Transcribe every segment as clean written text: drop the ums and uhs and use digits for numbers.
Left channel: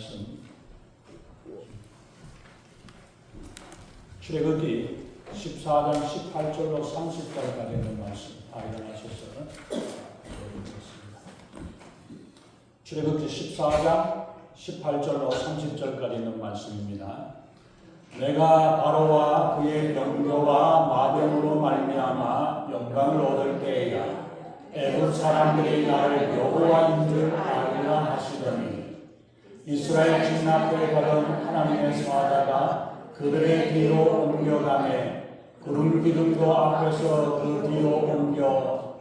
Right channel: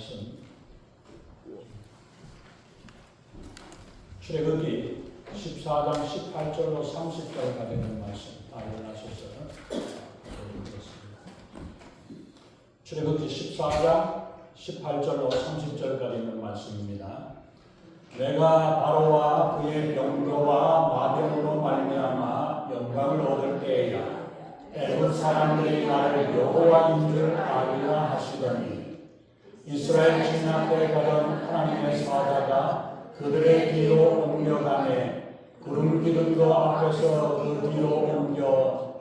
말씀 출애굽기 14장 18절로 30절까지 있는 말씀 다 일어나셨어요. 출애굽기 14장 18절로 30절까지 있는 말씀입니다. 내가 바로와 그의 병거와 마병으로 말미암아 영광을 얻을 때에야 애굽 사람들이 나를 여호와인 줄 알리라 하시더니 이스라엘 진압에 받은 하나님의 사자가 그들의 뒤로 옮겨가매 구름 기둥도 앞에서 그 뒤로 옮겨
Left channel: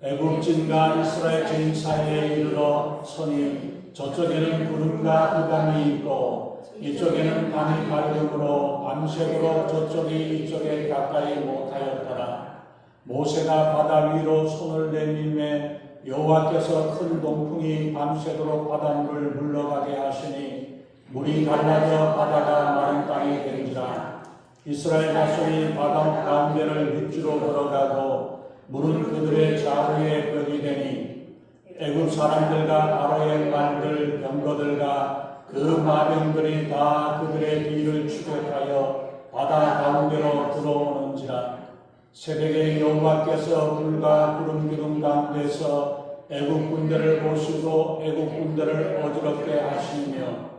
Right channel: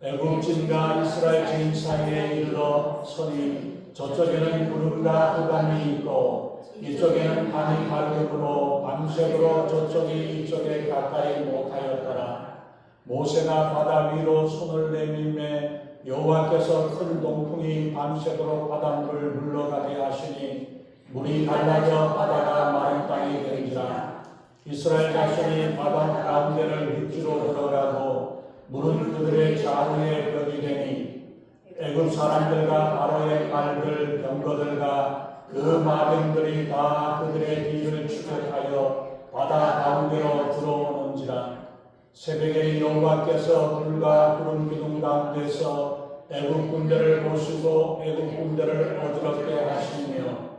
애굽진과 이스라엘 진 사이에 이르러 서니 저쪽에는 구름과 흑암이 있고 이쪽에는 밤이 밝음으로 밤새도록 저쪽이 이쪽에 가까이 못하였더라. 모세가 바다 위로 손을 내밀매 여호와께서 큰 동풍이 밤새도록 바닷물을 물러가게 하시니 물이 갈라져 바다가 마른 땅이 되니라. 이스라엘 자손이 바다 가운데를 육지로 걸어가고 물은 그들의 좌우에 벽이 되니 애굽 사람들과 바로의 말들 병거들과 그 마병들이 다 그들의 뒤를 추격하여 바다 가운데로 들어오는지라. 새벽에 여호와께서 불과 구름 기둥 가운데서 애굽 군대를 보시고 애굽 군대를 어지럽게 하시며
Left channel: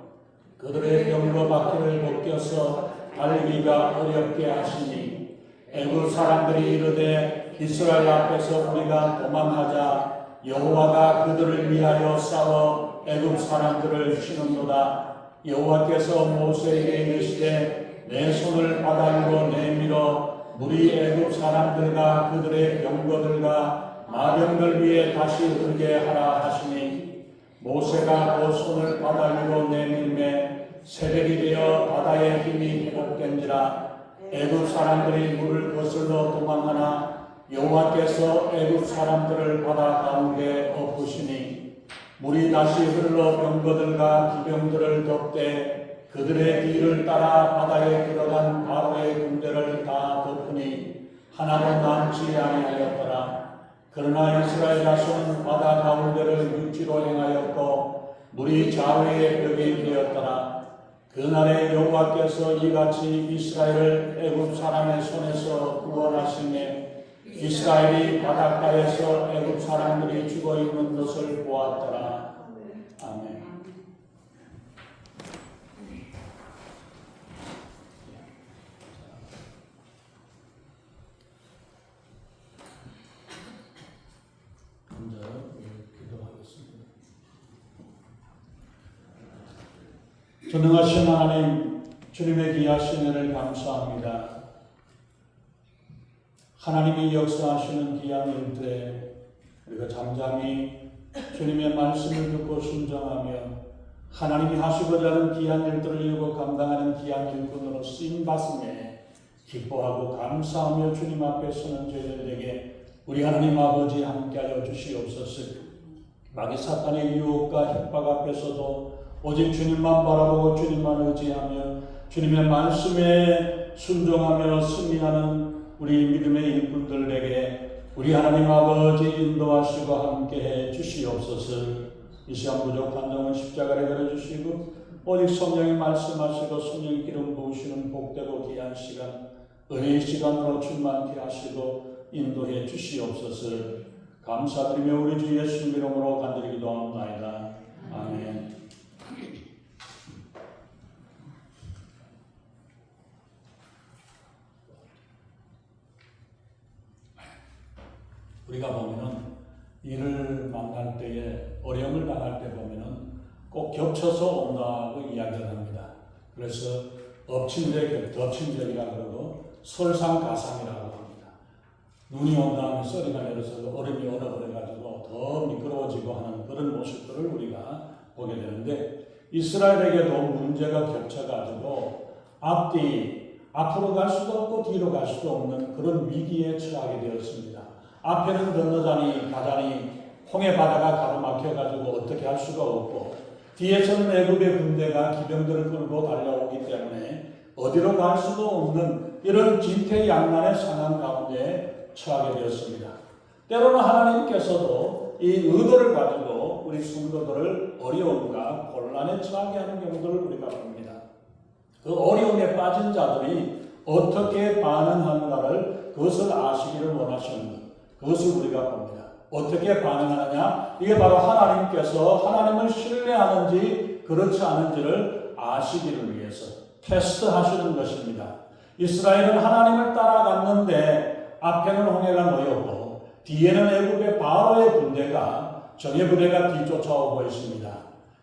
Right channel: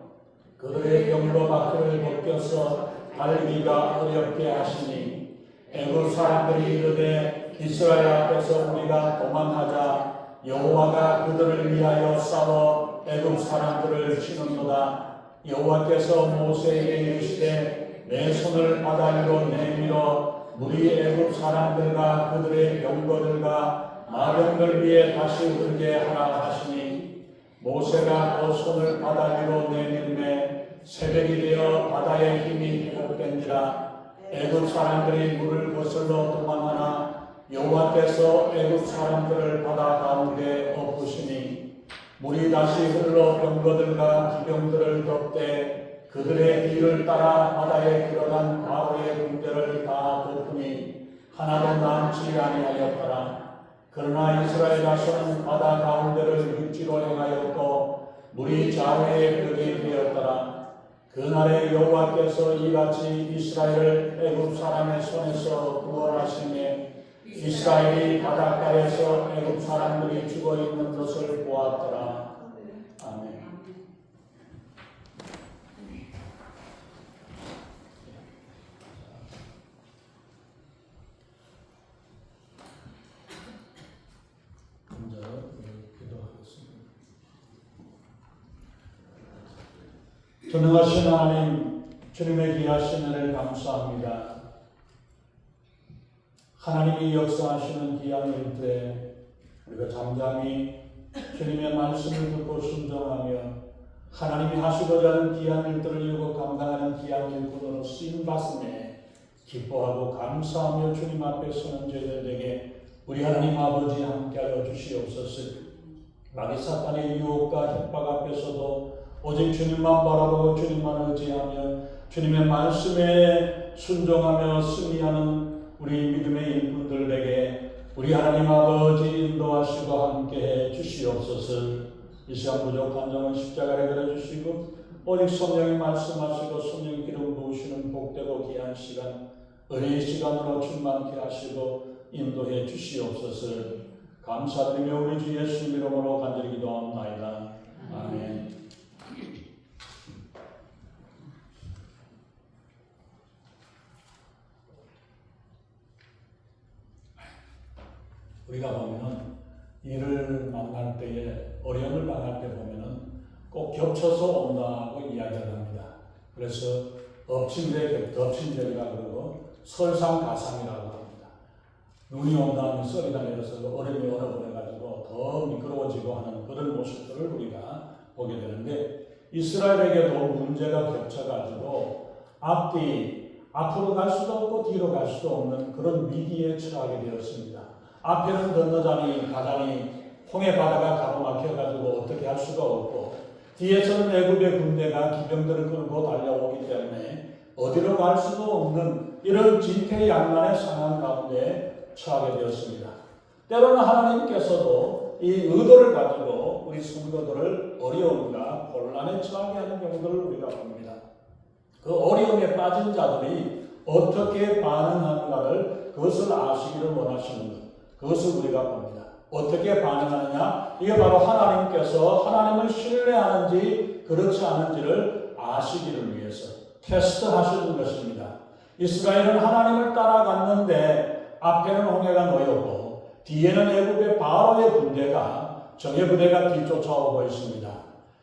그들의 병거 바퀴를 벗겨서 달리기가 어렵게 하시니 애굽 사람들이 이르되 이스라엘 앞에서 우리가 도망하자 여호와가 그들을 위하여 싸워 애굽 사람들을 치는도다. 여호와께서 모세에게 이르시되 내 손을 바다 위로 내밀어 물이 애굽 사람들과 그들의 병거들과 마병들 위에 다시 흐르게 하라 하시니 모세가 그 손을 바다 위로 내밀매 새벽이 되어 바다의 힘이 회복된지라. 애굽 사람들이 물을 거슬러 도망하나 여호와께서 애굽 사람들을 바다 가운데 엎으시니 물이 다시 흘러 병거들과 기병들을 덮되 그들의 뒤를 따라 바다에 들어간 바로의 군대를 다 덮으니 하나도 남지 아니하였더라. 그러나 이스라엘 자손은 바다 가운데를 육지로 행하였고 물이 좌우에 벽이 되었더라. 그날에 여호와께서 이같이 이스라엘을 애굽 사람의 손에서 구원하시며 이스라엘이 바닷가에서 애굽 사람들이 죽어 있는 것을 보았더라. 아멘. 전능하신 하나님, 주님의 귀하신 은혜를 감사합니다. 하나님이 역사하시는 귀한 일들에 우리가 잠잠히 주님의 말씀을 듣고 순종하며 하나님이 하시고자 하는 귀한 일들을 이루고 감당하는 귀한 일꾼으로 쓰임받음에 기뻐하고 감사하며 주님 앞에 서는 저희들에게 우리 하나님 아버지 함께하여 주시옵소서. 마귀 사탄의 유혹과 협박 앞에서도 오직 주님만 바라보고 주님만 의지하며 주님의 말씀에 순종하며 승리하는 우리 믿음의 일꾼들에게 우리 하나님 아버지 인도하시고 함께해 주시옵소서. 이 시간 부족한 점은 십자가에 들어주시고 오직 성령이 말씀하시고 성령 기름 부으시는 복되고 귀한 시간 은혜의 시간으로 충만케 하시고 인도해 주시옵소서. 감사드리며 우리 주 예수 이름으로 간절히 기도하옵나이다. 아멘. 우리가 보면은 일을 만날 때에 어려움을 당할 때 보면은 꼭 겹쳐서 온다고 이야기를 합니다. 그래서 엎친 데 덮친 데이라고 그러고 설상가상이라고 합니다. 눈이 온다면 썰이가 내려서 얼음이 얼어버려가지고 더 미끄러워지고 하는 그런 모습들을 우리가 보게 되는데 이스라엘에게도 문제가 겹쳐가지고 앞으로 갈 수도 없고 뒤로 갈 수도 없는 그런 위기에 처하게 되었습니다. 앞에는 건너자니 가자니 홍해 바다가 가로막혀가지고 어떻게 할 수가 없고 뒤에서는 애굽의 군대가 기병들을 끌고 달려오기 때문에 어디로 갈 수도 없는 이런 진퇴양난의 상황 가운데 처하게 되었습니다. 때로는 하나님께서도 이 의도를 가지고 우리 성도들을 어려움과 곤란에 처하게 하는 경우들을 우리가 봅니다. 그 어려움에 빠진 자들이 어떻게 반응하는가를 그것을 아시기를 원하시는 것, 그것을 우리가 봅니다. 어떻게 반응하느냐? 이게 바로 하나님께서 하나님을 신뢰하는지 그렇지 않은지를 아시기를 위해서 테스트하시는 것입니다. 이스라엘은 하나님을 따라갔는데 앞에는 홍해가 놓였고 뒤에는 애굽의 바로의 군대가 정예 부대가 뒤쫓아오고 있습니다.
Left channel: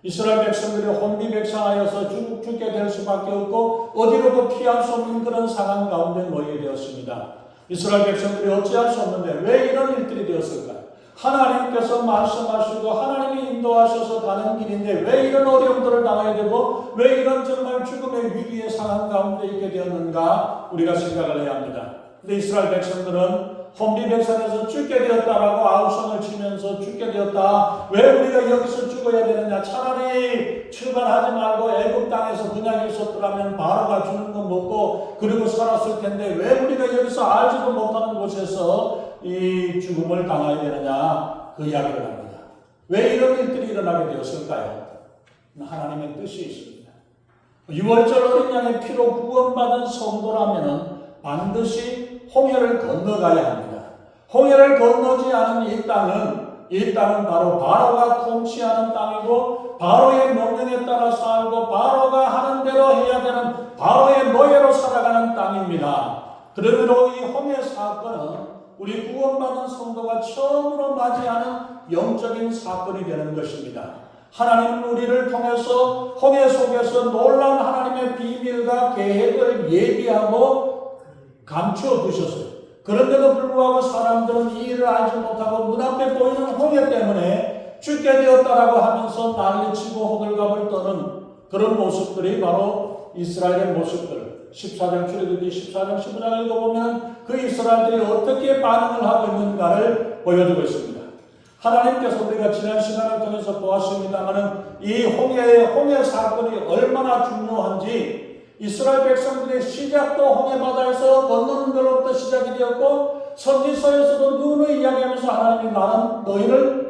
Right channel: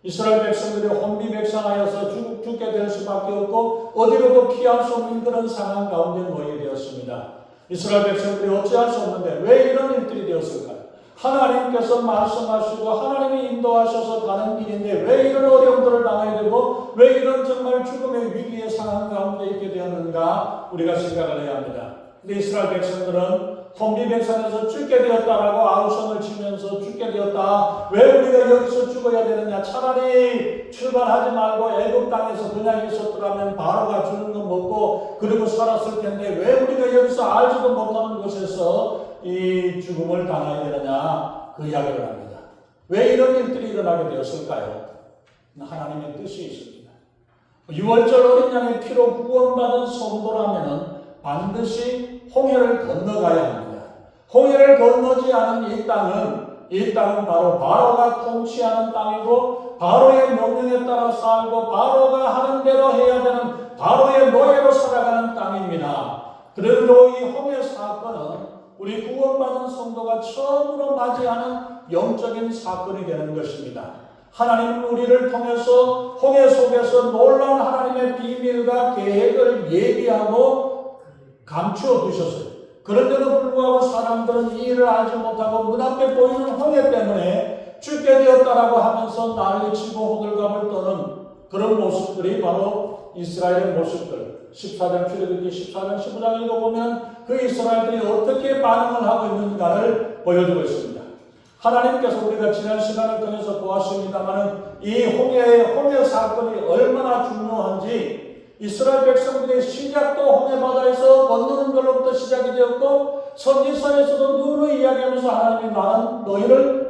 이스라엘 백성들이 혼비백산하여서 죽게 될 수밖에 없고 어디로도 피할 수 없는 그런 상황 가운데 놓이게 되었습니다. 이스라엘 백성들이 어찌할 수 없는데 왜 이런 일들이 되었을까요? 하나님께서 말씀하시고 하나님이 인도하셔서 가는 길인데 왜 이런 어려움들을 당해야 되고 왜 이런 정말 죽음의 위기의 상황 가운데 있게 되었는가 우리가 생각을 해야 합니다. 근데 이스라엘 백성들은 혼비백산에서 죽게 되었다라고 아우성을 치면서 죽게 되었다. 왜 우리가 여기서 죽어야 되느냐? 차라리 출발하지 말고 애굽 땅에서 그냥 있었더라면 바로가 주는 거 먹고 그리고 살았을 텐데 왜 우리가 여기서 알지도 못하는 곳에서 이 죽음을 당해야 되느냐? 그 이야기를 합니다. 왜 이런 일들이 일어나게 되었을까요? 하나님의 뜻이 있습니다. 6월절 어린 양의 피로 구원받은 성도라면 반드시 홍해를 건너가야 합니다. 홍해를 건너지 않은 이 땅은 바로 바로가 통치하는 땅이고 바로의 명령에 따라 살고 바로가 하는 대로 해야 되는 바로의 노예로 살아가는 땅입니다. 그러므로 이 홍해 사건은 우리 구원받은 성도가 처음으로 맞이하는 영적인 사건이 되는 것입니다. 하나님은 우리를 통해서 홍해 속에서 놀라운 하나님의 비밀과 계획을 예비하고 감추어 두셨어요. 그런데도 불구하고 사람들은 이 일을 알지 못하고 눈앞에 보이는 홍해 때문에 죽게 되었다라고 하면서 난리치고 호들갑을 떠는 그런 모습들이 바로 이스라엘의 모습들. 14장 출애굽기 14장 15장 읽어보면 그 이스라엘들이 어떻게 반응을 하고 있는가를 보여주고 있습니다. 하나님께서 우리가 지난 시간을 통해서 보았습니다만 이 홍해 사건이 얼마나 중요한지 이스라엘 백성들의 시작도 홍해바다에서 건너는 걸로부터 시작이 되었고 선지서에서도 누누이 이야기하면서 하나님이 나는 너희를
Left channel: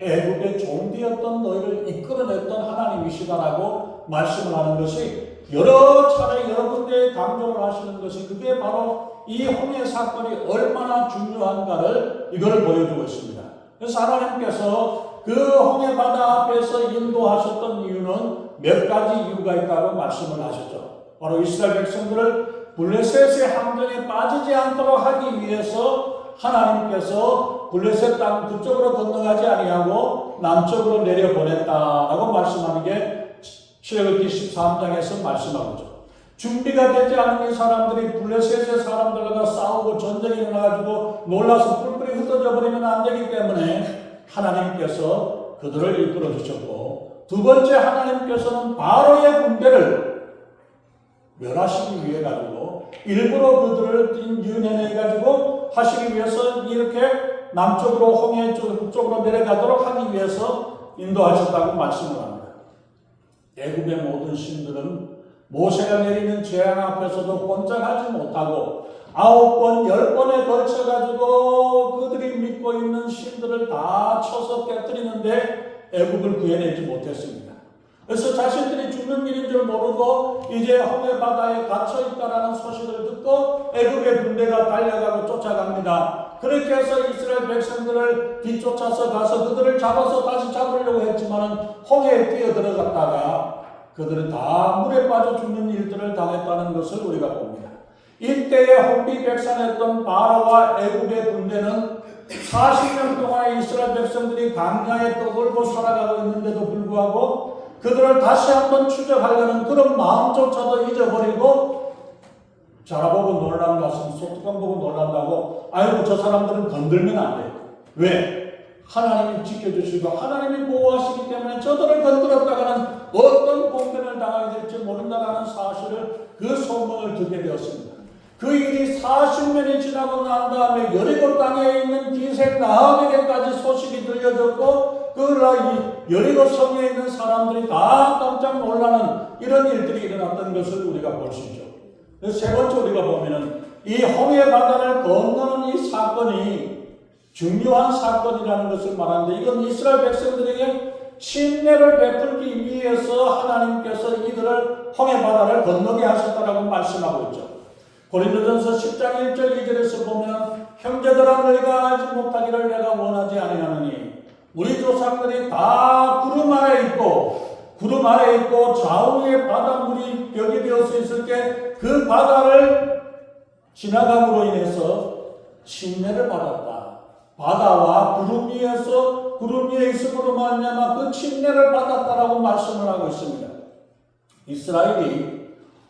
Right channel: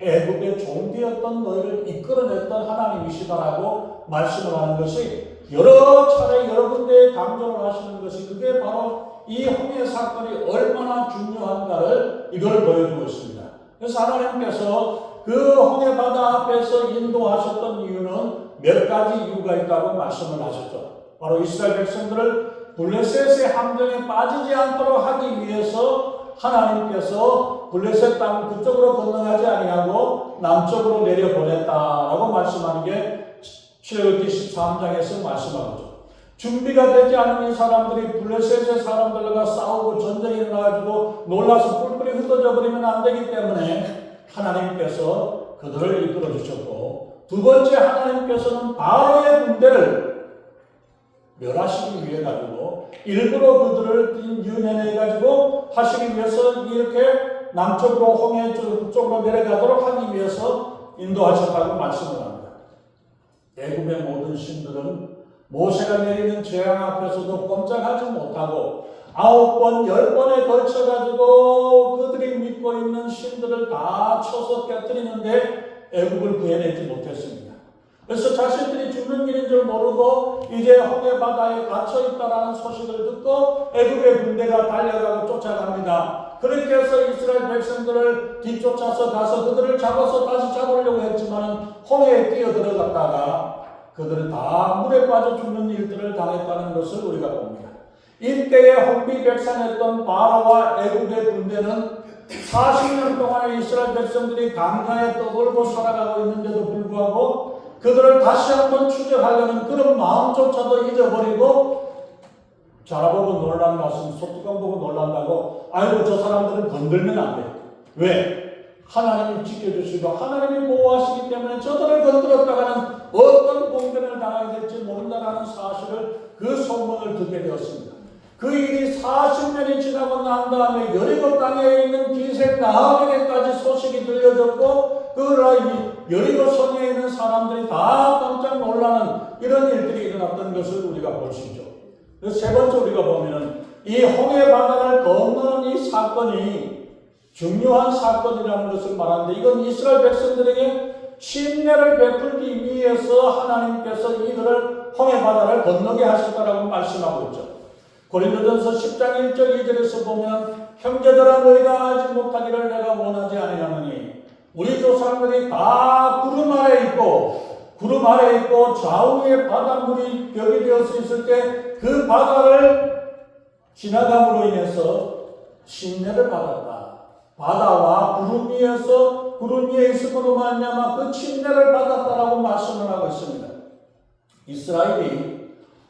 애굽의 종되었던 너희를 이끌어냈던 하나님이시다라고 말씀을 하는 것이 여러 차례 여러 군데에 강조를 하시는 것이 그게 바로 이 홍해 사건이 얼마나 중요한가를 이걸 보여주고 있습니다. 그래서 하나님께서 그 홍해바다 앞에서 인도하셨던 이유는 몇 가지 이유가 있다고 말씀을 하셨죠. 바로 이스라엘 백성들을 블레셋의 함정에 빠지지 않도록 하기 위해서 하나님께서 블레셋 땅 그쪽으로 건너가지 아니하고 남쪽으로 내려보냈다라고 말씀하는 게 출애굽기 13장에서 말씀하고 있죠. 준비가 되지 않은 이 사람들이 블레셋의 사람들과 싸우고 전쟁이 일어나가지고 놀라서 뿔뿔이 흩어져 버리면 안 되기 때문에 하나님께서 그들을 이끌어 주셨고 두 번째 하나님께서는 바로의 군대를 멸하시기 위해 가지고 일부러 그들을 유인해 가지고 하시기 위해서 이렇게 남쪽으로 홍해 쪽으로 내려가도록 하기 위해서 인도하셨다고 말씀을 합니다. 애굽의 모든 신들은 모세가 내리는 재앙 앞에서도 꼼짝하지 못하고 9번, 10번에 걸쳐가지고 그들이 믿고 있는 신들을 다 쳐서 깨뜨리는데 애굽을 구해내지 못했습니다. 그래서 자신들이 죽는 일인 줄 모르고 이제 홍해 바다에 갇혀있다라는 소식을 듣고 애굽의 군대가 달려가고 쫓아갑니다. 그렇게 해서 이스라엘 백성들을 뒤쫓아서 가서 그들을 잡아서 다시 잡으려고 했지만 홍해에 뛰어들어갔다가 그들은 다 물에 빠져 죽는 일들을 당했다는 것을 우리가 봅니다. 이때에 혼비백산했던 바로와 애굽의 군대는 40년 동안에 이스라엘 백성들이 강가에 떠돌고 살아가고 있는데도 불구하고 그들을 다시 한번 추적하려는 그런 마음조차도 잊어버리고 자라보고 놀란 것은 소뚜껑 보고 놀란다고 아이고 저 사람들은 건들면 안 돼. 왜? 하나님이 지켜주시고 하나님이 보호하시기 때문에 저들을 건드렸다가는 어떤 공변을 당하게 될지 모른다는 사실을 그 소문을 듣게 되었습니다. 그 일이 40년이 지나고 난 다음에 여리고 땅에 있는 기생 라합에게까지 소식이 들려졌고 그 여리고 성에 있는 사람들이 다 깜짝 놀라는 이런 일들이 일어났던 것을 우리가 볼 수 있죠. 세 번째 우리가 보면은 이 홍해 바다를 건너는 이 사건이 중요한 사건이라는 것을 말하는데 이건 이스라엘 백성들에게 침례를 베풀기 위해서 하나님께서 이들을 홍해 바다를 건너게 하셨다라고 말씀하고 있죠. 고린도전서 10장 1절 2절에서 보면 형제들아 너희가 알지 못하기를 내가 원하지 아니하노니 우리 조상들이 다 구름 아래 있고 좌우에 바닷물이 벽이 되어서 있을 때 그 바다를 지나감으로 인해서 침례를 받았다. 바다와 구름 위에 있음으로 말미암아 그 침례를 받았다라고 말씀을 하고 있습니다. 이스라엘이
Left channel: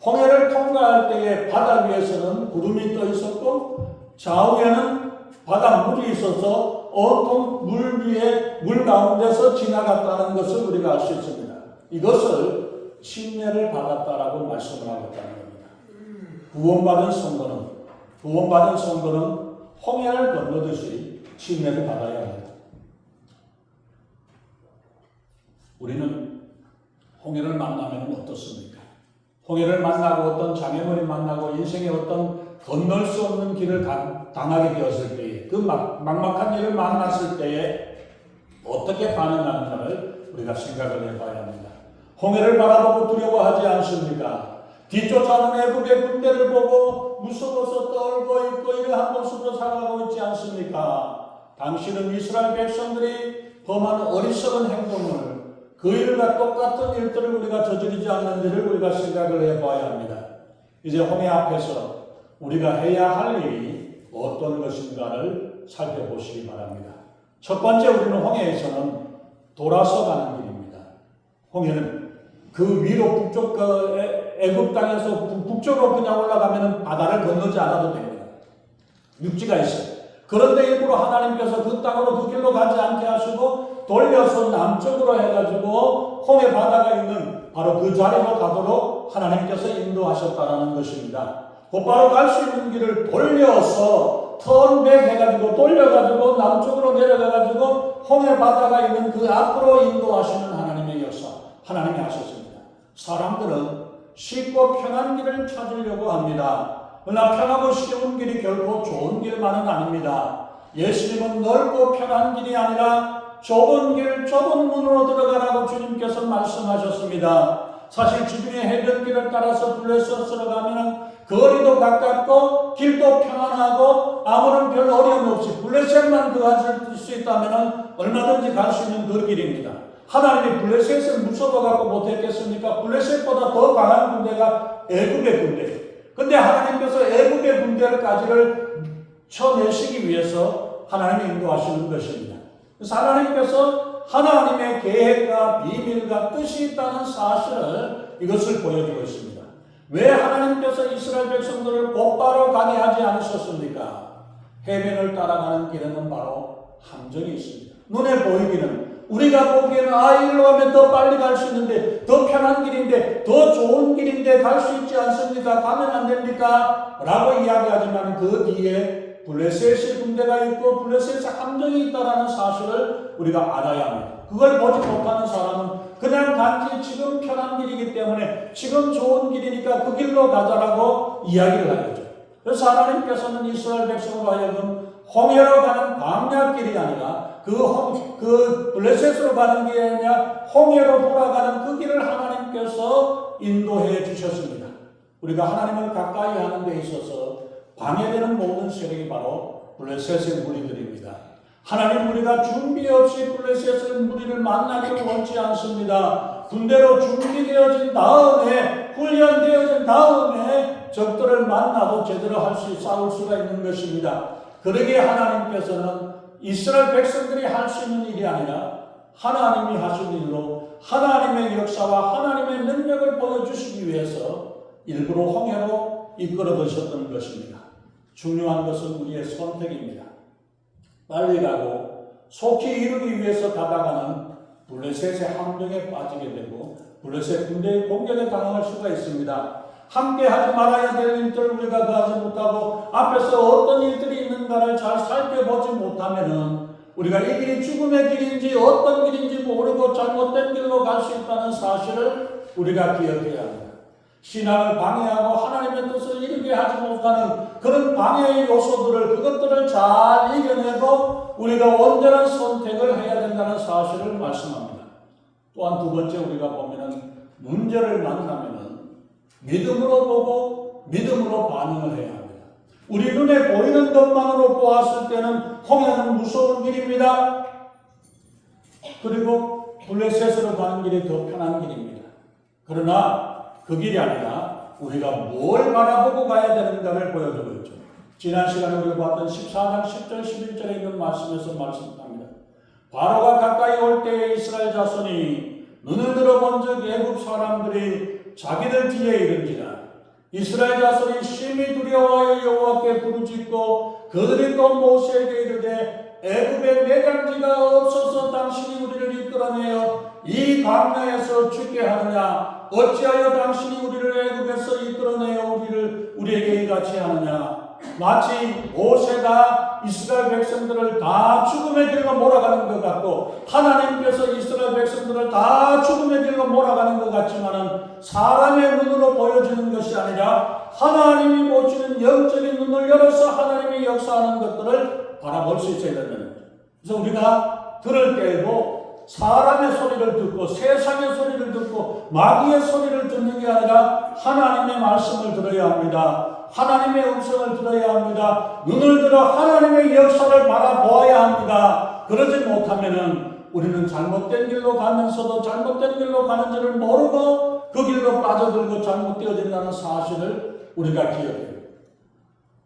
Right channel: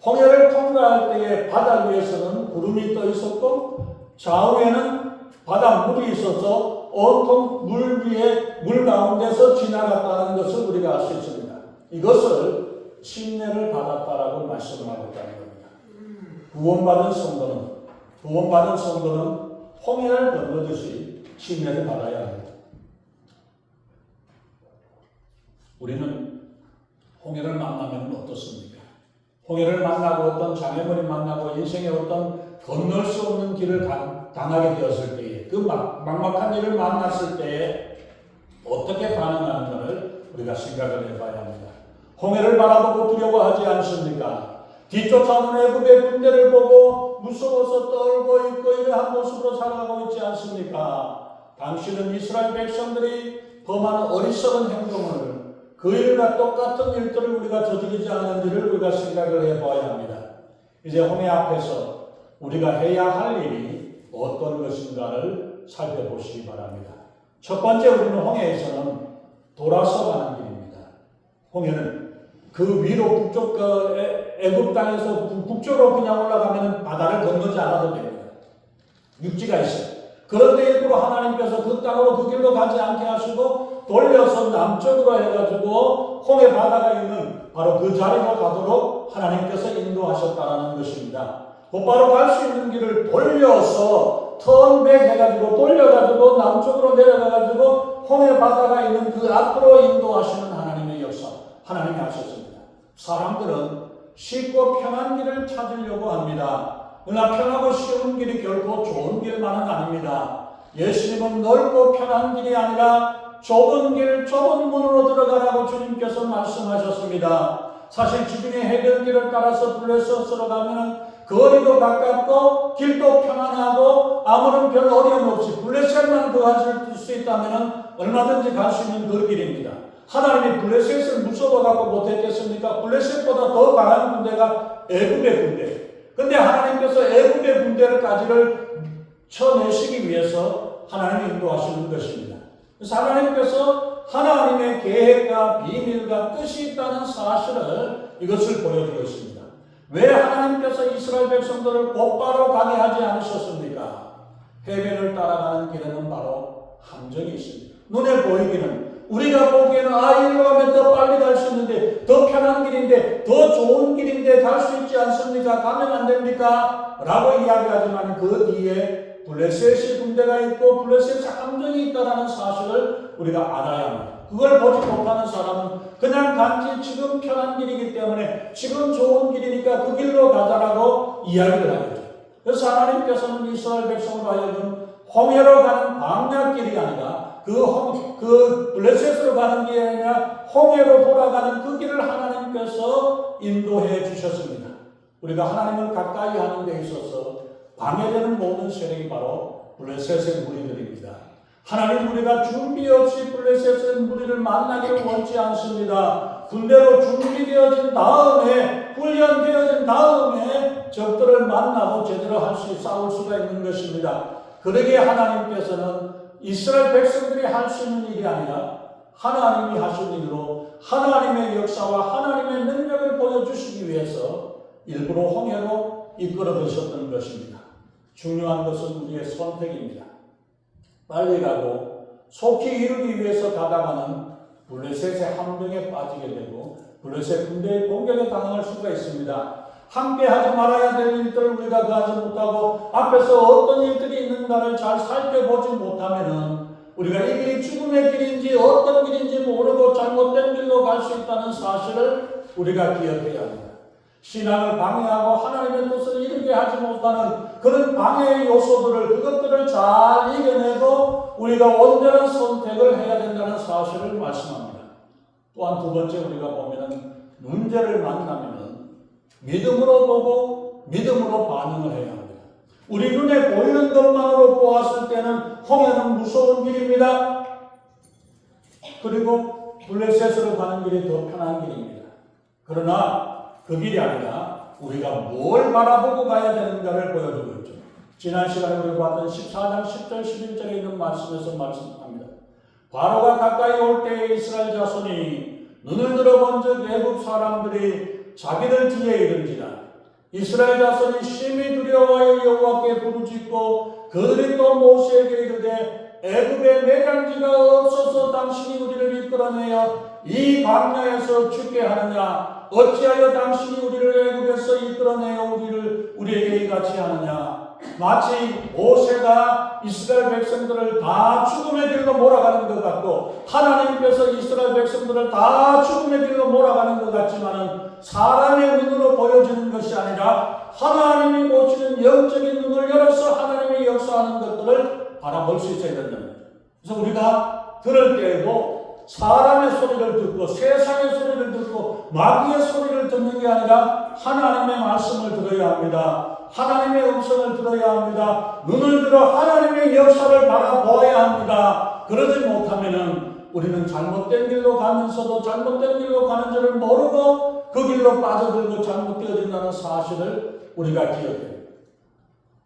홍해를 통과할 때에 바다 위에서는 구름이 떠 있었고 좌우에는 바닷물이 있어서 온통 물 가운데서 지나갔다는 것을 우리가 알 수 있습니다. 이것을 침례를 받았다라고 말씀을 하고 있다는 겁니다. 구원받은 성도는 홍해를 건너듯이 침례를 받아야 합니다. 우리는 홍해를 만나면 어떻습니까? 홍해를 만나고 어떤 장애물이 만나고 인생의 어떤 건널 수 없는 길을 당하게 되었을 때에 그 막막한 일을 만났을 때에 어떻게 반응하는가를 우리가 생각을 해봐야 합니다. 홍해를 바라보고 두려워하지 않습니까? 뒤쫓아오는 애국의 군대를 보고 무서워서 떨고 있고 이러한 모습으로 살아가고 있지 않습니까? 당신은 이스라엘 백성들이 범한 어리석은 행동을 그 일과 똑같은 일들을 우리가 저지르지 않는지를 우리가 생각을 해봐야 합니다. 이제 홍해 앞에서 우리가 해야 할 일이 어떤 것인가를 살펴보시기 바랍니다. 첫 번째 우리는 홍해에서는 돌아서 가는 길입니다. 홍해는 그 위로 북쪽 애굽 땅에서 북쪽으로 그냥 올라가면 바다를 건너지 않아도 됩니다. 육지가 있어요. 그런데 일부러 하나님께서 그 땅으로 그 길로 가지 않게 하시고 돌려서 남쪽으로 해가지고 홍해 바다가 있는 바로 그 자리로 가도록 하나님께서 인도하셨다는 것입니다. 곧바로 갈 수 있는 길을 돌려서 턴백 해가지고 돌려가지고 남쪽으로 내려가가지고 홍해 바다가 있는 그 앞으로 인도하시는 하나님의 역사, 하나님이 하셨습니다. 사람들은 쉽고 편한 길을 찾으려고 합니다. 그러나 편하고 쉬운 길이 결코 좋은 길만은 아닙니다. 예수님은 넓고 편한 길이 아니라 좁은 길, 좁은 문으로 들어가라고 주님께서 말씀하셨습니다. 사실 주님의 해변길을 따라서 블레셋으로 가면 거리도 가깝고 길도 편안하고 아무런 별 어려움 없이 블레셋만 들어갈 수 있다면 얼마든지 갈 수 있는 그 길입니다. 하나님이 블레셋을 무서워갖고 못했겠습니까? 블레셋보다 더 강한 군대가 애굽의 군대예요. 근데 하나님께서 애굽의 군대를까지를 쳐내시기 위해서 하나님이 인도하시는 것입니다. 그래서 하나님께서 하나님의 계획과 비밀과 뜻이 있다는 사실을 이것을 보여주고 있습니다. 왜 하나님께서 이스라엘 백성들을 곧바로 가게 하지 않으셨습니까? 해변을 따라가는 길에는 바로 함정이 있습니다. 눈에 보이기는 우리가 보기에는 이리로 가면 더 빨리 갈 수 있는데 더 편한 길인데 더 좋은 길인데 갈 수 있지 않습니까? 가면 안 됩니까? 라고 이야기하지만 그 뒤에 블레셋의 군대가 있고 블레셋의 함정이 있다는 사실을 우리가 알아야 합니다. 그걸 보지 못하는 사람은 그냥 단지 지금 편한 길이기 때문에 지금 좋은 길이니까 그 길로 가자라고 이야기를 하겠죠. 그래서 하나님께서는 이스라엘 백성과 하여금 홍해로 가는 광야길이 아니라 그 블레셋으로 가는 길이 아니라 홍해로 돌아가는 그 길을 하나님께서 인도해 주셨습니다. 우리가 하나님을 가까이 하는 데 있어서 방해되는 모든 세력이 바로 블레셋의 무리들입니다. 하나님 우리가 준비 없이 블레셋의 무리를 만나기를 원치 않습니다. 군대로 준비되어진 다음에 훈련되어진 다음에 적들을 만나고 제대로 싸울 수가 있는 것입니다. 그러기에 하나님께서는 이스라엘 백성들이 할 수 있는 일이 아니라 하나님이 하신 일로 하나님의 역사와 하나님의 능력을 보여주시기 위해서 일부러 홍해로 이끌어 드셨던 것입니다. 중요한 것은 우리의 선택입니다. 빨리 가고 속히 이루기 위해서 가다가는 블레셋의 함정에 빠지게 되고 블레셋 군대의 공격에 당할 수가 있습니다. 함께 하지 말아야 될 일들을 우리가 하지 못하고 앞에서 어떤 일들이 있는가를 잘 살펴보지 못하면은 우리가 이 길이 죽음의 길인지 어떤 길인지 모르고 잘못된 길로 갈 수 있다는 사실을 우리가 기억해야 합니다. 신앙을 방해하고 하나님의 뜻을 이루게 하지 못하는 그런 방해의 요소들을 그것들을 잘 이겨내고 우리가 온전한 선택을 해야 된다는 사실을 말씀합니다. 또한 두 번째 우리가 보면은 문제를 만나면은 믿음으로 보고 믿음으로 반응을 해야 합니다. 우리 눈에 보이는 것만으로 보았을 때는 홍해는 무서운 길입니다. 그리고 블레셋으로 가는 길이 더 편한 길입니다. 그러나 그 길이 아니라 우리가 뭘 바라보고 가야 되는가를 보여주고 있죠. 지난 시간에 우리가 봤던 14장 10절 11절에 있는 말씀에서 말씀합니다. 바로가 가까이 올 때에 이스라엘 자손이 눈을 들어본 즉 애굽 사람들이 자기들 뒤에 이른지라. 이스라엘 자손이 심히 두려워하여 여호와께 부르짖고 그들이 또 모세에게 이르되 애굽에 매장지가 없어서 당신이 우리를 이끌어내어 이 광야에서 죽게 하느냐? 어찌하여 당신이 우리를 애굽에서 이끌어내어 우리에게 이같이 하느냐? 마치 모세가 이스라엘 백성들을 다 죽음의 길로 몰아가는 것 같고 하나님께서 이스라엘 백성들을 다 죽음의 길로 몰아가는 것 같지만은 사람의 눈으로 보여지는 것이 아니라 하나님이 보시는 영적인 눈을 열어서 하나님이 역사하는 것들을 바라볼 수 있어야 된다는 거죠. 그래서 우리가 들을 때에도 사람의 소리를 듣고 세상의 소리를 듣고 마귀의 소리를 듣는 게 아니라 하나님의 말씀을 들어야 합니다. 하나님의 음성을 들어야 합니다. 눈을 들어 하나님의 역사를 바라보아야 합니다. 그러지 못하면은 우리는 잘못된 길로 가면서도 잘못된 길로 가는 줄을 모르고 그 길로 빠져들고 잘못되어진다는 사실을 우리가 기억해요.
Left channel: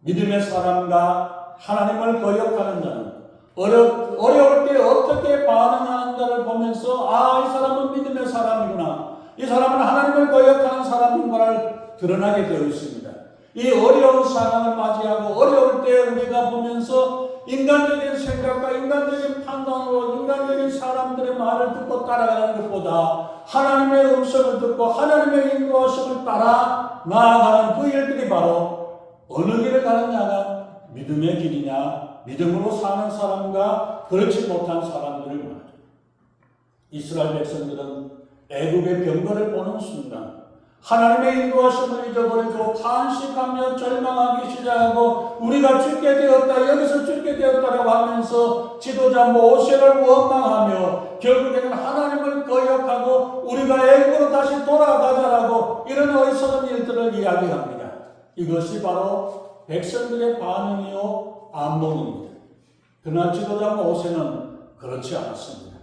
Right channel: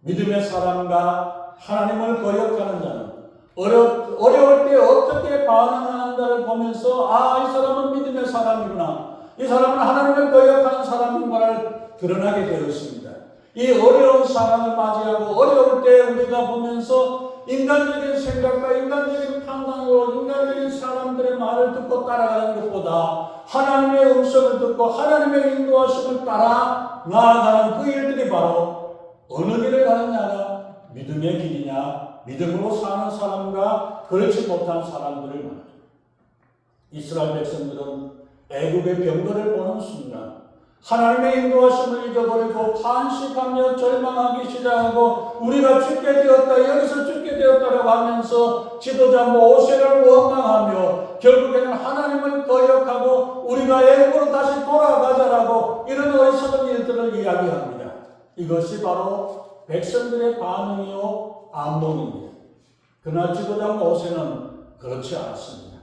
믿음의 사람과 하나님을 거역하는 자는 어려울 때 어떻게 반응하는가를 보면서 이 사람은 믿음의 사람이구나. 이 사람은 하나님을 거역하는 사람인가를 드러나게 되어 있습니다. 이 어려운 상황을 맞이하고 어려울 때 우리가 보면서 인간적인 생각과 인간적인 판단으로 인간적인 사람들의 말을 듣고 따라가는 것보다 하나님의 음성을 듣고 하나님의 인도하심을 따라 나아가는 그 일들이 바로 어느 길을 가느냐가 믿음의 길이냐 믿음으로 사는 사람과 그렇지 못한 사람들을 말하죠. 이스라엘 백성들은 애굽의 병거를 보는 순간 하나님의 인도하심을 잊어버리고 탄식하며 절망하기 시작하고 우리가 죽게 되었다 여기서 죽게 되었다라고 하면서 지도자 모세를 원망하며 결국에는 하나님을 거역하고 우리가 애굽으로 다시 돌아가자라고 이런 어리석은 일들을 이야기합니다. 이것이 바로 백성들의 반응이요 안목입니다. 그러나 지도자 모세는 그렇지 않았습니다.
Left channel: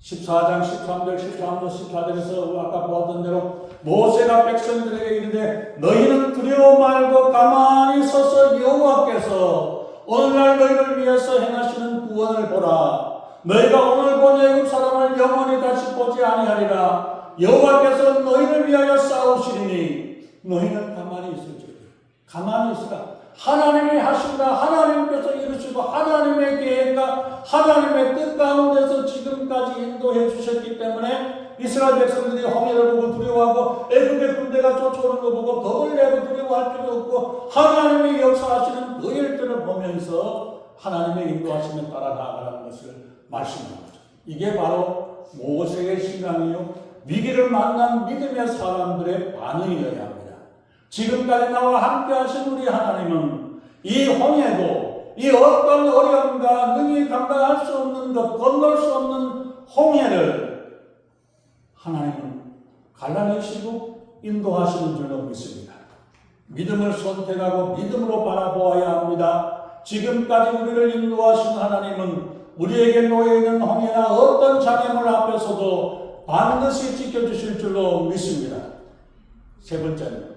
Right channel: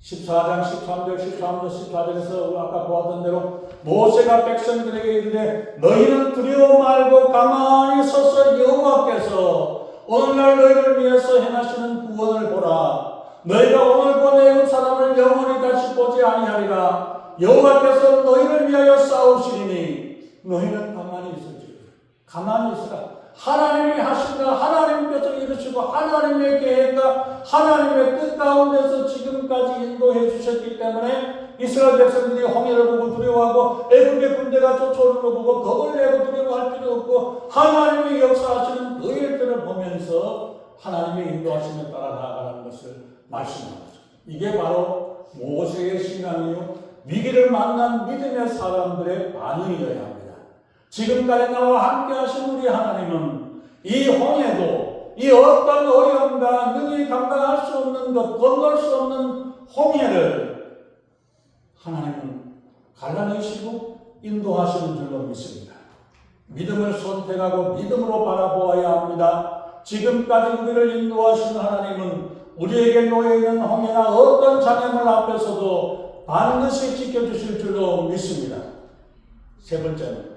14장 13절 13절 14절에서 아까 보았던 대로 모세가 백성들에게 이르되 너희는 두려워 말고 가만히 서서 여호와께서 오늘날 너희를 위해서 행하시는 구원을 보라. 너희가 오늘 본 애굽 사람을 영원히 다시 보지 아니하리라. 여호와께서 너희를 위하여 싸우시리니 너희는 가만히 있을지어다. 가만히 있으라. 하나님이 하신다. 하나님께서 이루시고 하나님의 계획과 하나님의 뜻 가운데서 지금까지 인도해 주셨기 때문에 이스라엘 백성들이 홍해를 보고 두려워하고 애굽의 군대가 쫓아오는 거 보고 겁을 내고 두려워할 필요 없고 하나님이 역사하시는 그 일들을 보면서 하나님의 인도하심에 따라 나아가는 것을 말씀하는 거죠. 이게 바로 모세의 신앙이요 위기를 만난 믿음의 사람들의 반응이어야 합니다. 지금까지 나와 함께 하신 우리 하나님은 이 홍해도 이 어떤 어려움과 능히 감당할 수 없는 것, 건널 수 없는 홍해를 하나님은 갈라내시고 인도하시는 줄로 믿습니다. 믿음을 선택하고 믿음으로 바라보아야 합니다. 지금까지 우리를 인도하신 하나님은 우리에게 놓여있는 홍해나 어떤 장애물 앞에서도 반드시 지켜주실 줄로 믿습니다. 세 번째는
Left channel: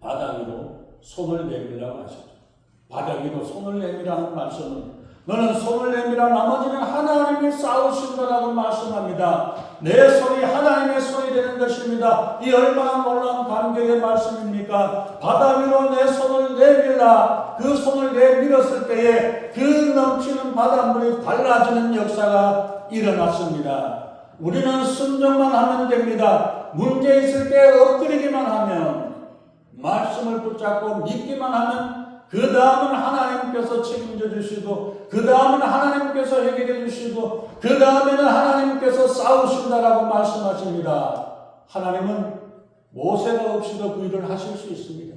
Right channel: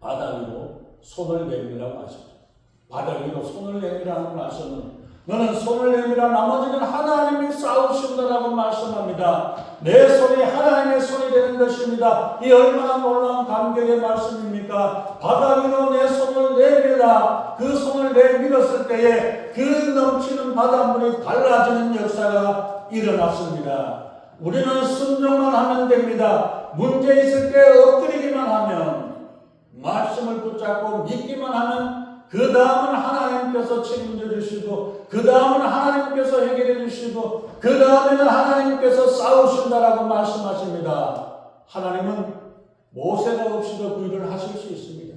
바다 위로 손을 내밀라고 하셨죠. 바다 위로 손을 내밀라는 말씀은 너는 손을 내밀어 나머지는 하나님이 싸우신다라고 말씀합니다. 내 손이 하나님의 손이 되는 것입니다. 이 얼마나 놀라운 감격의 말씀입니까? 바다 위로 내 손을 내밀라. 그 손을 내밀었을 때에 그 넘치는 바닷물이 달라지는 역사가 일어났습니다. 우리는 순종만 하면 됩니다. 문제 있을 때 엎드리기만 하면 말씀을 붙잡고 믿기만 하면 그 다음은 하나님께서 책임져 주시고 그 다음은 하나님께서 해결해 주시고 그 다음에는 하나님께서 싸우신다라고 말씀하십니다. 하나님은 모세가 없이도 그 일을 하실 수 있습니다.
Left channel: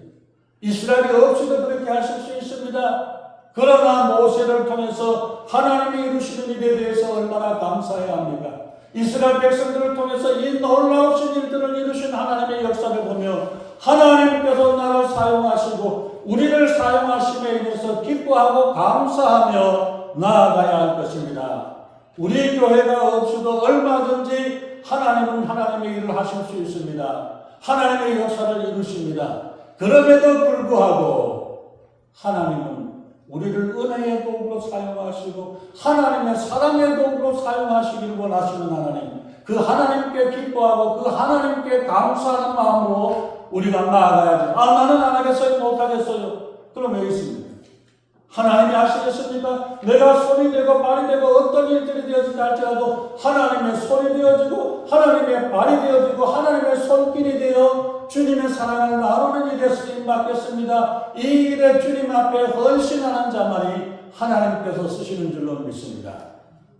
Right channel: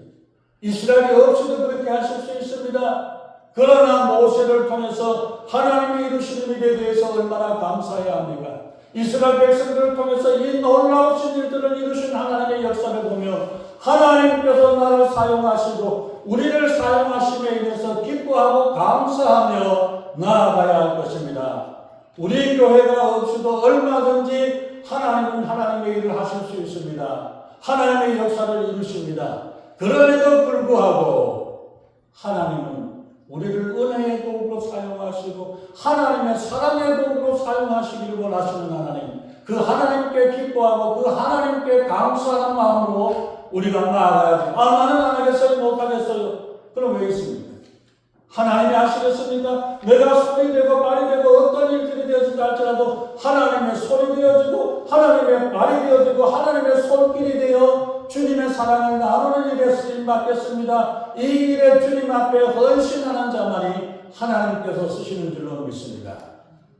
이스라엘이 없이도 그렇게 하실 수 있습니다. 그러나 모세를 통해서 하나님이 이루시는 일에 대해서 얼마나 감사해야 합니까? 이스라엘 백성들을 통해서 이 놀라우신 일들을 이루신 하나님의 역사를 보며 하나님께서 나를 사용하시고 우리를 사용하심에 인해서 기뻐하고 감사하며 나아가야 할 것입니다. 우리 교회가 없이도 얼마든지 하나님은 하나님의 일을 하실 수 있습니다. 하나님의 역사를 이루십니다. 그럼에도 불구하고 하나님은 우리를 은혜의 도구로 사용하시고 하나님의 사랑의 도구로 사용하시기를 원하시는 하나님, 그 하나님께 기뻐하고 그 하나님께 감사하는 마음으로 우리가 나아가야지. 나는 안 하겠어요, 못 하겠어요. 그럼 왜 있습니까? 하나님이 하시겠습니까? 내가 손이 되고 발이 되고 어떤 일들이 되어진다 할지라도 하나님의 손이 되어지고 하나님의 발이 되어지고 하나님의 손길이 되어 주님의 사랑을 나누는 일에 쓰임 받겠습니다. 이 일에 주님 앞에 헌신하는 자만이 하나님께서 쓰시는 줄로 믿습니다.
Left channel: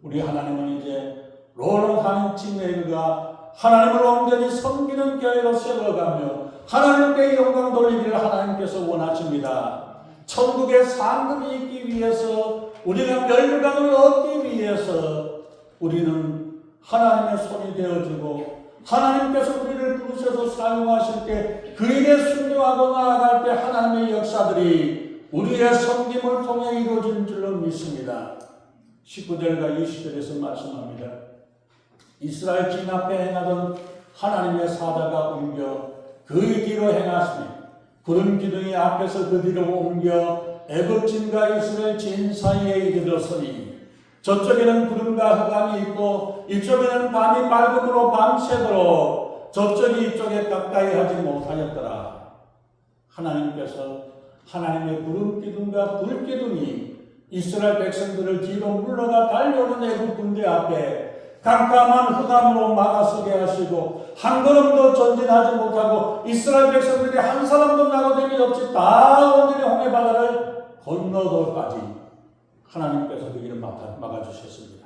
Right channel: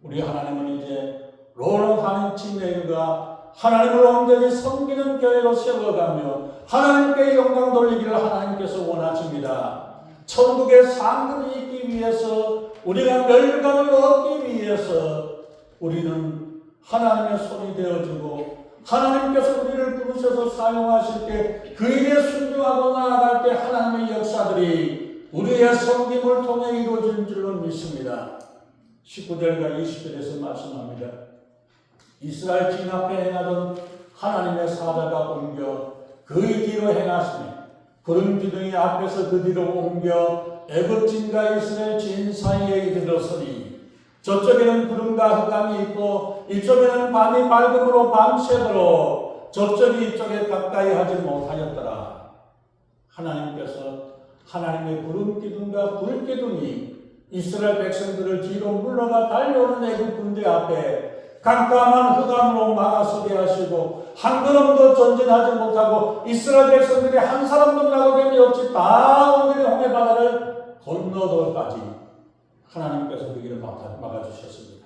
우리 하나님은 이제 롤하는팀웨이가 하나님을 온전히 섬기는 교회로 세워가며 하나님께 영광 돌리기를 하나님께서 원하십니다. 천국의 상급이 있기 위해서 우리가 멸류관을 얻기 위해서 우리는 하나님의 손이 되어주고 하나님께서 우리를 부르셔서 사용하실 때 그 일에 순종하고 나아갈 때 하나님의 역사들이 우리의 섬김을 통해 이루어진 줄로 믿습니다. 19절과 20절에서 말씀합니다. 이스라엘 진 앞에 행하던 하나님의 사자가 옮겨 그의 뒤로 행하시니 구름 기둥이 앞에서 그 뒤로 옮겨 애굽진과 이스라엘 진 사이에 이르렀으니 저쪽에는 구름과 흑암이 있고 이쪽에는 밤이 밝음으로 밤새도록 저쪽이 이쪽에 가까이 하지 못하였더라. 하나님께서 하나님의 구름 기둥과 불 기둥이 이스라엘 백성들을 뒤로 물러가 달려오는 애굽 군대 앞에 깜깜한 흑암으로 막아서게 하시고 한 걸음도 전진하지 못하고 이스라엘 백성들이 한 사람도 나고됨이 없이 다 온전히 홍해 바다를 건너도까지 하나님께서 그 길을 막아주셨습니다.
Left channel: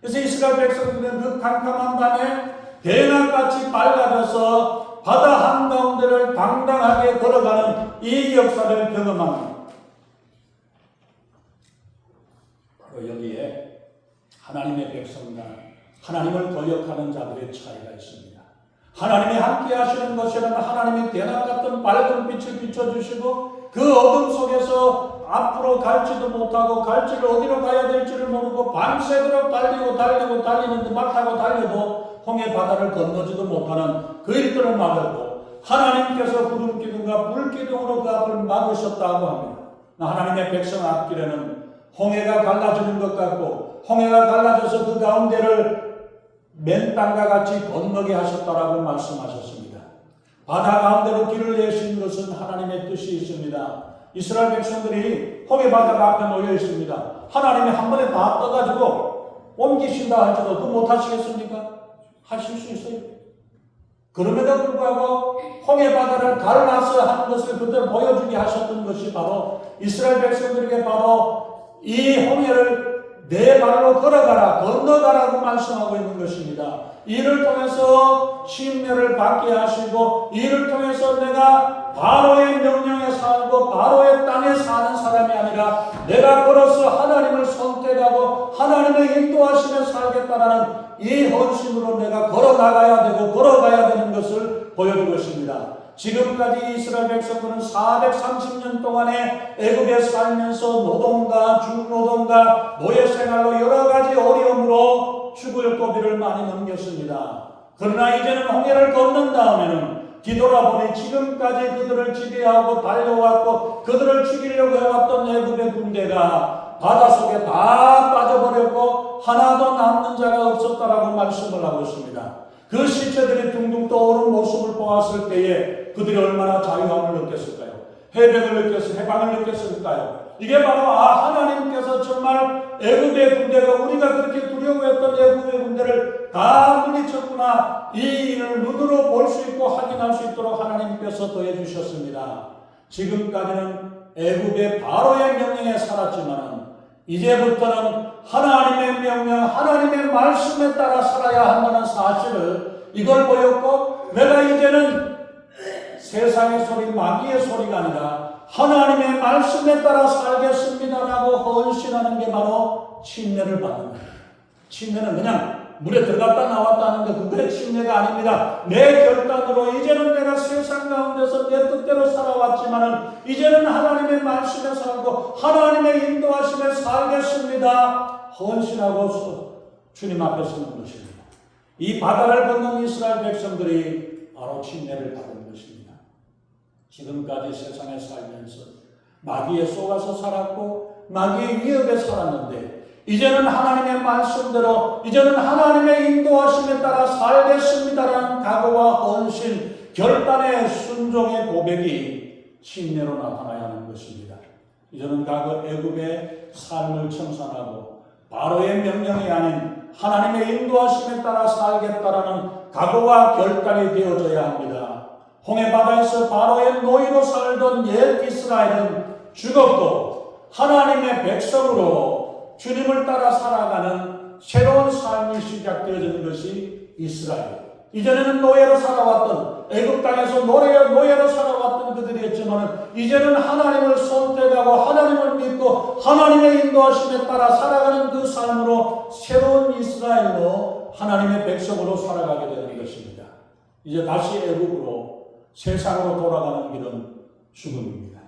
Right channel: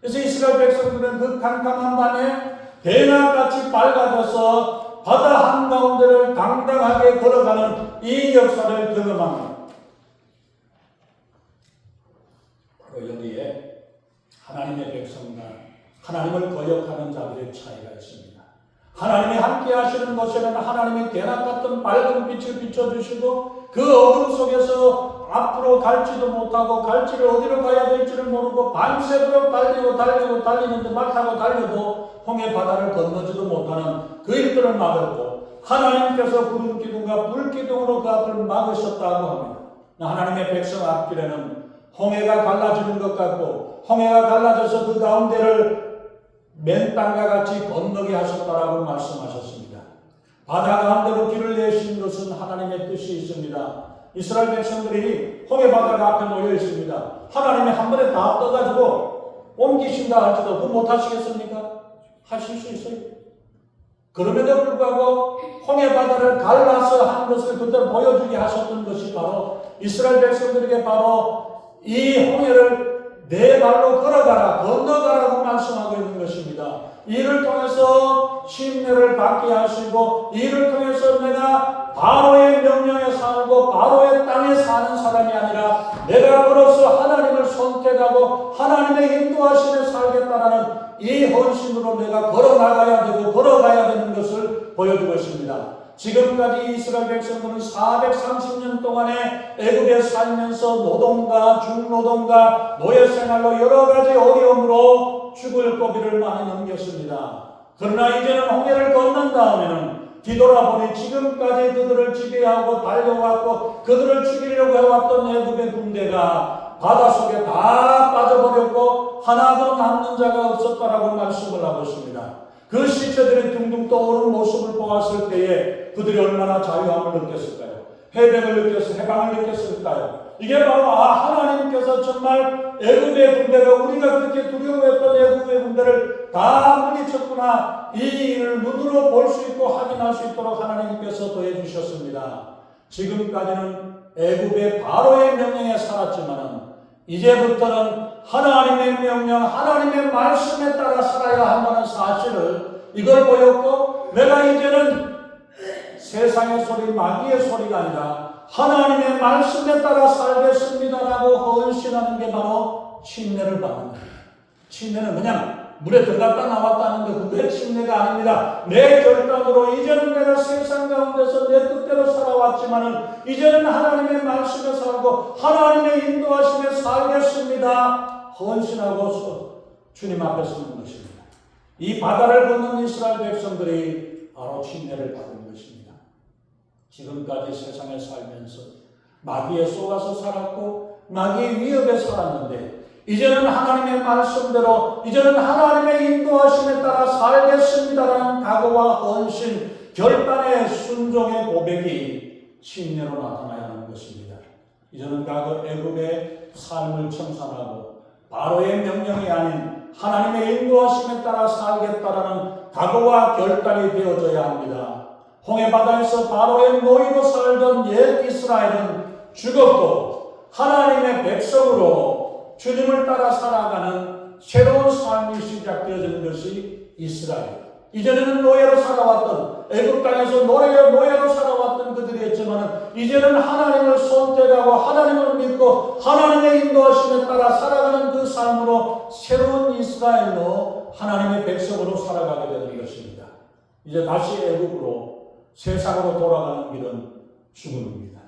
그래서 이스라엘 백성들은 그 깜깜한 밤에 대낮같이 밝아져서 바다 한가운데를 당당하게 걸어가는 이 역사를 경험합니다. 바로 여기에 하나님의 백성과 하나님을 거역하는 자들의 차이가 있습니다. 하나님이 함께 하시는 것에는 하나님이 대낮 같은 밝은 빛을 비춰주시고 그 어둠 속에서 앞으로 갈지도 못하고 갈지를 어디로 가야 될지를 모르고 밤새도록 달리는데 말 타고 달려도 홍해 바다를 건너지도 못하는 그 일들을 막았고 하나님께서 구름 기둥과 불 기둥으로 그 앞을 막으셨다고 합니다. 하나님의 백성 앞길에는 홍해가 갈라지는 것 같고 홍해가 갈라져서 그 가운데를 맨 땅과 같이 건너게 하셨다라고 말씀하셨습니다. 바다 가운데로 길을 내신 것은 하나님의 뜻이 있습니다. 이스라엘 백성들이 홍해 바다가 앞에 놓여 있습니다. 하나님이 한 번에 다 떠가지고 옮기신다 할지도 그 못하시겠습니까? 하실 수 있어요. 그럼에도 불구하고 홍해 바다를 갈라서 하는 것을 그대로 보여주게 하셨던 것이 바로 이스라엘 백성들에게 바로 이 홍해를 내 발로 걸어가라, 건너가라고 말씀하고 있는 것입니다. 이를 통해서 심려를 받게 하시고 이를 통해서 내가 바로의 명령에 살고 바로의 땅에 사는 사람이 아니라 내가 걸어서 하나님을 선택하고 하나님의 인도하심에 살겠다라는 이 헌신으로 내가 걸어나가야 되고 걸어가야 되는 것을 보여주고 있습니다. 지금까지 이스라엘 백성들은 430년 동안에 애굽에 살면서 노동과 중노동과 노예생활로 여러 가지 어려움으로 죽을 고비를 많이 넘겼습니다. 그러나 이제는 홍해를 건넌 다음에는 뒤돌아보니 지금까지 그들을 지배하고 달려왔고 그들을 죽이려고 해왔던 애굽의 군대가 바닷속에 다 빠져버렸고 하나도 남는 자가 없었다라고 말씀을 하고 있습니다. 그 시체들이 둥둥 떠오르는 모습을 보았을 때에 그들이 얼마나 자유함을 느꼈을까요? 해방을 느꼈을까요? 이게 바로 하나님께서 정말 애굽의 군대가 우리가 그렇게 두려워했던 애굽의 군대를 다 물리쳤구나. 이 일을 눈으로 볼 수 있고 확인할 수 있도록 하나님께서 더해 주셨습니다. 지금까지는 애굽의 바로의 명령에 살았지만 이제부터는 하나님의 명령, 하나님의 말씀에 따라 살아야 한다는 사실을 이걸 보였고 내가 이제는 세상의 소리, 마귀의 소리가 아니라 하나님의 말씀에 따라 살겠습니다라고 헌신하는 게 바로 침례를 받는 거예요. 침례는 그냥 물에 들어갔다 나왔다 하는데 그게 침례가 아닙니다. 내 결단으로 이제는 내가 세상 가운데서 내 뜻대로 살아왔지만은 이제는 하나님의 말씀에 살고 하나님의 인도하심에 살겠습니다. 헌신하고 주님 앞에 서는 것입니다. 이 바다를 건넌 이스라엘 백성들이 바로 침례를 받은 것입니다. 지금까지 세상에 살면서 마귀에 쏘아서 살았고 마귀의 위협에 살았는데 이제는 하나님의 말씀대로 이제는 하나님의 인도하심에 따라 살겠습니다라는 각오와 헌신, 결단의 순종의 고백이 침례로 나타나야 하는 것입니다. 이제는 과거 애굽의 삶을 청산하고 바로의 명령이 아닌 하나님의 인도하심에 따라 살겠다라는 각오와 결단이 되어져야 합니다. 홍해바다에서 바로의 노예로 살던 옛 이스라엘은 죽었고 하나님의 백성으로 주님을 따라 살아가는 새로운 삶이 시작되어지는 것이 이스라엘. 이전에는 노예로 살아왔던 애굽 땅에서 노예로 살아왔던 그들이었지만 이제는 하나님을 선택하고 하나님을 믿고 하나님의 인도하심에 따라 살아가는 그 삶으로 새로운 이스라엘로 하나님의 백성으로 살아가게 되는 것입니다. 이제 다시 애굽으로 세상으로 돌아가는 길은 죽음입니다.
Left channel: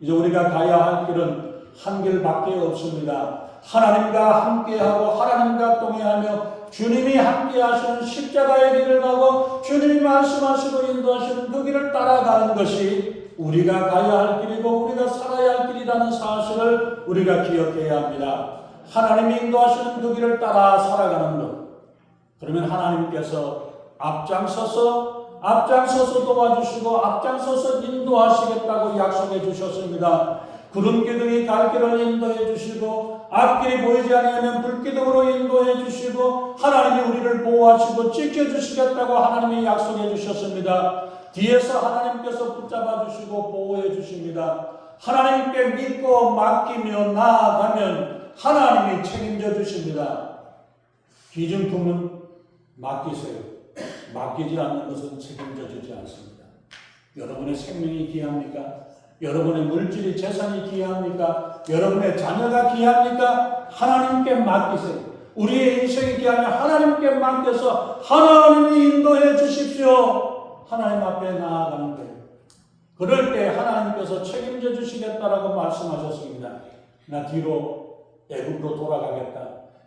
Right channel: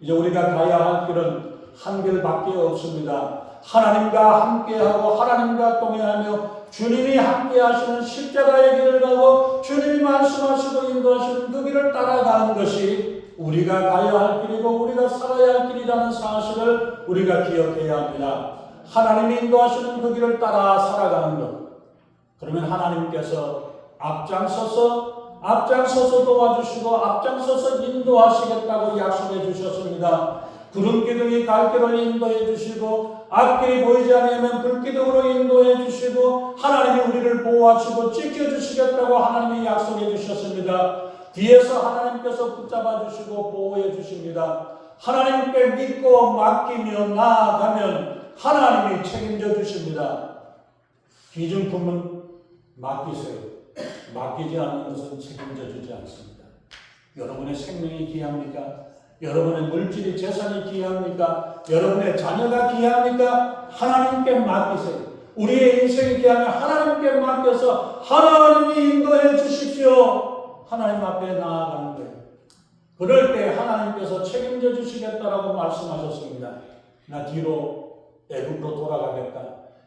이제 우리가 가야 할 길은 한 길밖에 없습니다. 하나님과 함께하고 하나님과 동행하며 주님이 함께하시는 십자가의 길을 가고 주님이 말씀하시고 인도하시는 그 길을 따라가는 것이 우리가 가야 할 길이고 우리가 살아야 할 길이라는 사실을 우리가 기억해야 합니다. 하나님이 인도하시는 그 길을 따라 살아가는 것. 그러면 하나님께서 앞장서서 도와주시고 앞장서서 인도하시겠다고 약속해 주셨습니다. 구름 기둥이 갈 길을 인도해 주시고 앞길이 보이지 않으면 불기둥으로 인도해 주시고 하나님이 우리를 보호하시고 지켜주시겠다고 하나님이 약속해 주셨습니다. 뒤에서 하나님께서 붙잡아 주시고 보호해 주십니다. 하나님께 믿고 맡기며 나아가면 하나님이 책임져 주십니다. 기증품은 맡기세요. 맡기지 않는 것은 책임져 주지 않습니다. 여러분의 생명이 귀합니까? 여러분의 물질이 재산이 귀합니까? 여러분의 자녀가 귀합니까? 하나님께 맡기세요. 우리의 인생이 귀하면 하나님께 맡겨서 하나님이 인도해 주십시오. 하나님 앞에 나아가는 거예요. 그럴 때 하나님께서 책임져 주시겠다라고 말씀하셨습니다. 나 뒤로 애굽으로 돌아가겠다.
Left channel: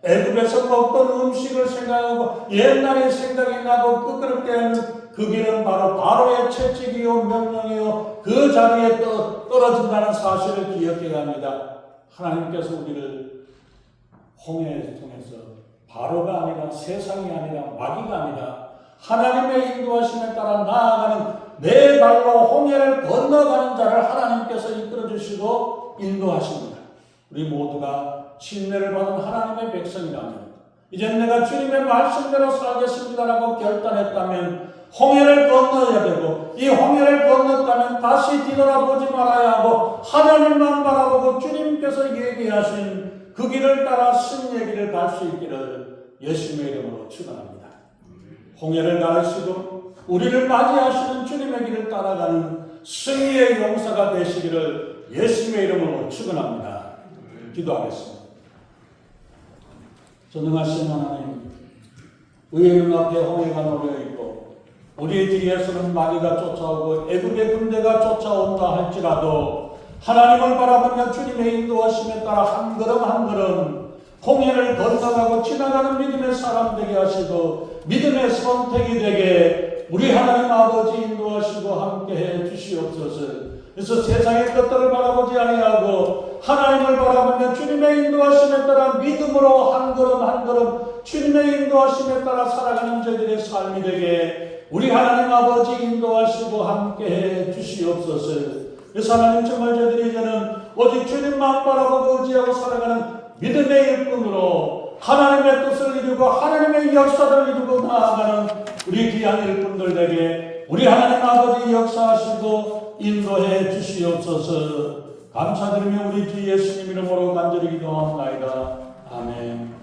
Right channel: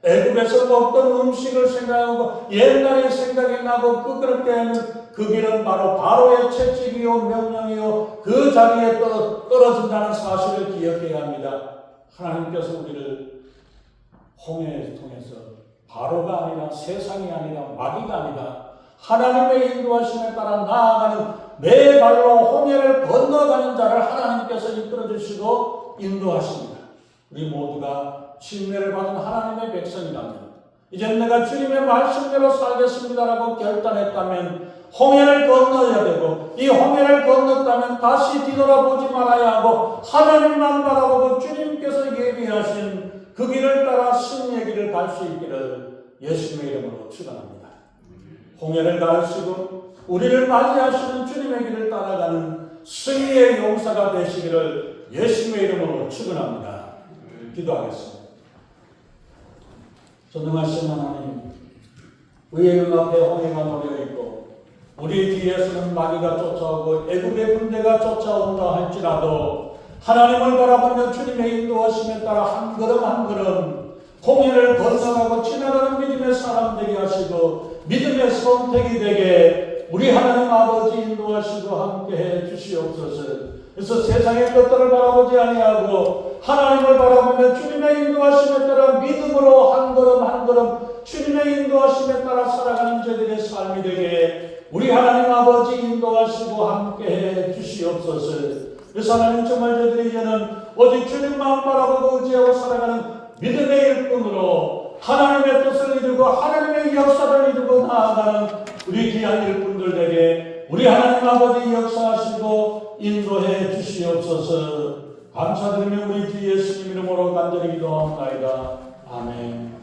애굽에서 먹던 음식을 생각하고 옛날의 생각이 나고 그럴 때는 그 길은 바로의 채찍이요 명령이요 그 자리에 떨어진다는 사실을 기억해야 합니다. 하나님께서 우리를 홍해를 통해서 바로가 아니라 세상이 아니라 마귀가 아니라 하나님의 인도하심에 따라 나아가는 내 발로 홍해를 건너가는 자를 하나님께서 이끌어주시고 인도하십니다. 우리 모두가 침례를 받은 하나님의 백성이라면 이제 내가 주님의 말씀대로 살겠습니다라고 결단했다면 홍해를 건너야 되고 이 홍해를 건넜다면 다시 뒤돌아보지 말아야 하고 하나님만 바라보고 주님께서 얘기하신 그 길을 따라 승리의 길을 갈 수 있기를 예수님의 이름으로 축원합니다. 홍해를 가르치고 우리를 맞이하시는 주님의 길을 따라가는 승리의 용사가 되시기를 예수님의 이름으로 축원합니다. 기도하겠습니다. 전능하신 하나님, 의의 눈앞에 홍해가 놓여있고 우리 뒤에서는 마귀가 쫓아오고 애굽의 군대가 쫓아온다 할지라도 하나님을 바라보며 주님의 인도하심에 따라 한 걸음 한 걸음 홍해를 건너가고 지나가는 믿음의 사람 되게 하시고 믿음의 선택이 되게 우리 하나님 아버지 인도하시고 함께해 주시옵소서. 그래서 세상의 것들을 바라보지 아니하고 하나님을 바라보며 주님의 인도하심에 따라 믿음으로 한 걸음 한 걸음 주님의 인도하심에 따라 살아가는 저희들의 삶이 되게 우리 하나님 아버지 인도하시고 함께해 주시옵소서. 그래서 하나님 정말 저희들이 이제는 오직 주님만 바라보고 의지하고 살아가는 믿음의 일꾼으로 하나님의 뜻을 이루고 하나님의 역사를 이루고 나아가는 우리 귀한 일꾼들에게 우리 하나님 아버지 역사하시고 인도해 주시옵소서. 감사드리며 우리 주 예수님 이름으로 간절히 기도합니다. 아멘.